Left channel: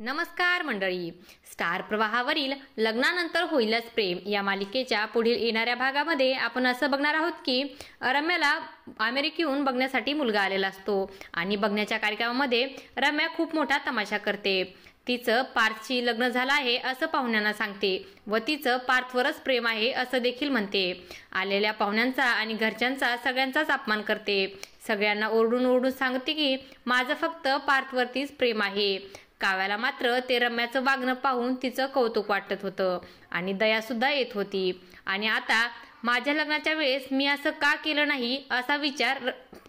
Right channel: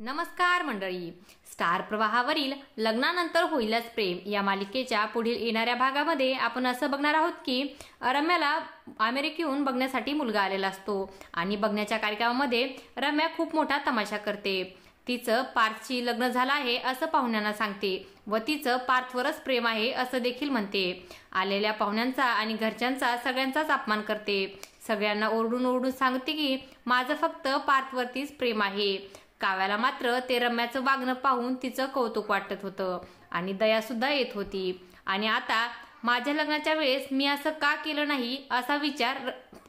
नमस्कार मंडळी. स्टार प्रवाहावरील लग्नानंतर होईलच प्रेम या मालिकेच्या पुढील येणाऱ्या भागामध्ये आपण असं बघणार आहोत की रम्याला अमेरिकेहून बघण्यासाठी मुलगा आलेला असतो आणि बघण्याच्या कार्यक्रमामध्ये रम्या खूप मोठा तमाशा करते. तिचं पार्थशी लग्न झालं आहे असं पाहुण्यांना सांगते व तिचं पार्थवरच प्रेम आहे असं देखील म्हणते. आलेल्या पाहुण्यांचा आणि घरच्यांचा सगळ्यांचाच अपमान करते. सगळ्यांना ओरडून ओरडून सांगते की माझं फक्त पार्थवरतीच प्रेम आहे. काव्याला मात्र ते रम्याचं वागणं पाहून तिचं कौतुक वाटत होतं आणि दया सुद्धा येत होती. आणि आता माझ्या लग्नाच्या वेळेस मी असं का केलं नाही असा विचार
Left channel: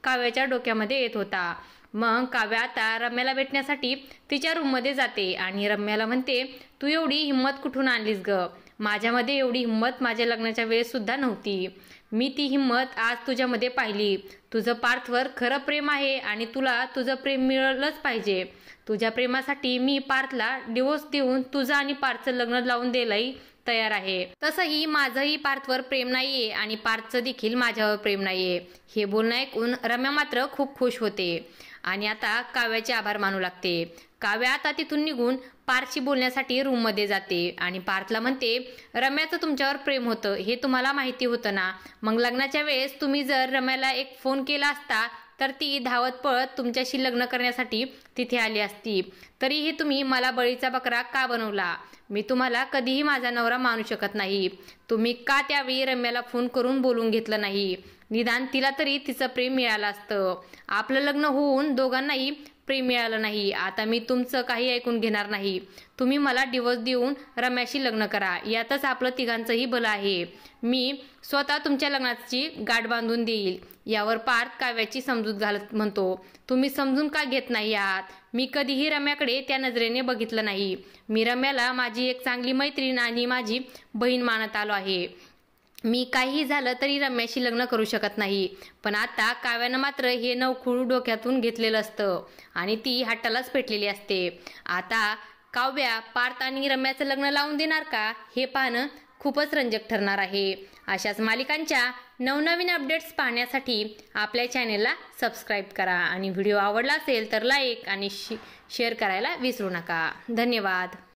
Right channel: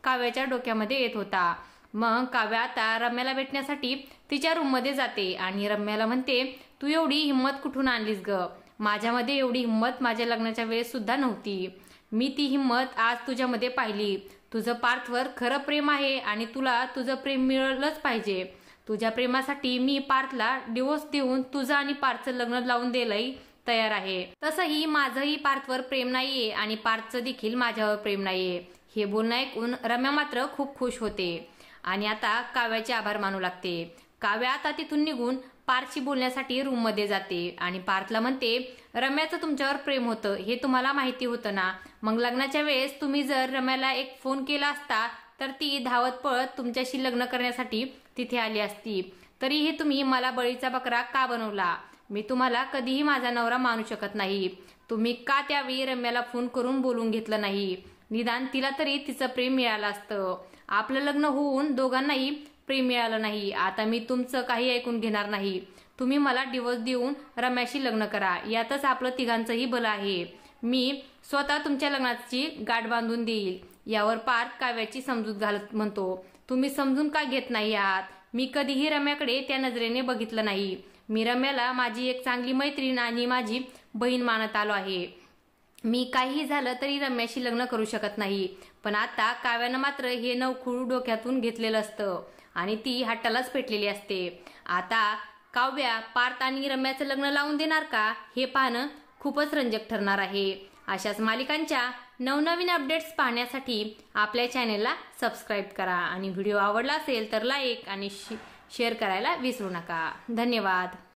काव्याच्या डोक्यामध्ये येत होता. मग काव्या आता रम्याला भेटण्यासाठी तिच्या रूममध्ये जाते आणि रम्याला म्हणते, तू एवढी हिंमत कुठून आणलीस ग? माझ्यामध्ये एवढी हिंमत माझ्या लग्नाच्या वेळेस सुद्धा नव्हती. मी ती हिंमत आज तुझ्यामध्ये पाहिली. तुझं पार्थवर खरं प्रेम आहे आणि तुला तुझं प्रेम मिळालंच पाहिजे. तुझ्या प्रेमासाठी मी पार्थला डिवोर्स देऊन तुझं आणि पार्थचं लग्न लावून द्यायलाही तयार आहे. तसंही माझंही पार्थवर प्रेम नाहीये आणि पार्थचं देखील माझ्यावर प्रेम नाहीये. हे बोलणं ऐकून रम्या मात्र खूप खुश होते आणि आता काव्याचे आभार मानू लागते. काव्या आता तिथून निघून पार्थशी बोलण्यासाठी रूम मध्ये जाते आणि पार्थला म्हणते, रम्याचं तुमच्यावर प्रेम होतं हे तुम्हाला माहिती होतं ना? मग लग्नाच्या वेळेस तुम्ही जर रम्याला एक फोन केला असता तर ती धावत पळत तुमच्याशी लग्न करण्यासाठी तिथे आली असती. तरीही तुम्ही मला बळीचा बकरा का बनवला? मी तुम्हाला कधीही माझा नवरा मानू शकत नाही. तुम्ही का त्यावेळी रम्याला फोन करून बोलून घेतलं नाही? निदान तिला तरी तिचं प्रेम मिळालं असतं. आपलं लग्न होऊन दोघांनाही प्रेम मिळालं नाही. आता मी तुमचं काही ऐकून घेणार नाही. तुम्ही मला डिवोर्स देऊन रम्याशी लग्न करा. यातच आपलं तिघांचंही भलं आहे. मी स्वतः तुमच्या लग्नाची गाठ बांधून देईल. यावर पार्थ काव्याची समजूत घालत म्हणतो, तुम्ही समजून का घेत नाही आहात? मी कधीही रम्याकडे त्या नजरेने बघितलं नाही. मी रम्याला माझी एक चांगली मैत्रीण आणि माझी बहीण मानत आलो आहे. मी काहीही झालं तरी रम्याशी लग्न करू शकत नाही. पण आता काव्यानं मात्र हे नवखूळ डोक्यातून घेतलेलं असतं आणि ती हट्टालाच पेटलेली असते. आता काव्या पार्थ आणि रम्याचं लग्न लावून देणार का हे पाहणं खूपच रंजक ठरणार आहे. अशाच मालिकांच्या नवनवीन अपडेट्स पाहण्यासाठी आपल्या चॅनेलला सबस्क्राईब करा आणि व्हिडिओ आवडला असेल तर लाईक आणि शेअर करायला विसरू नका. धन्यवाद.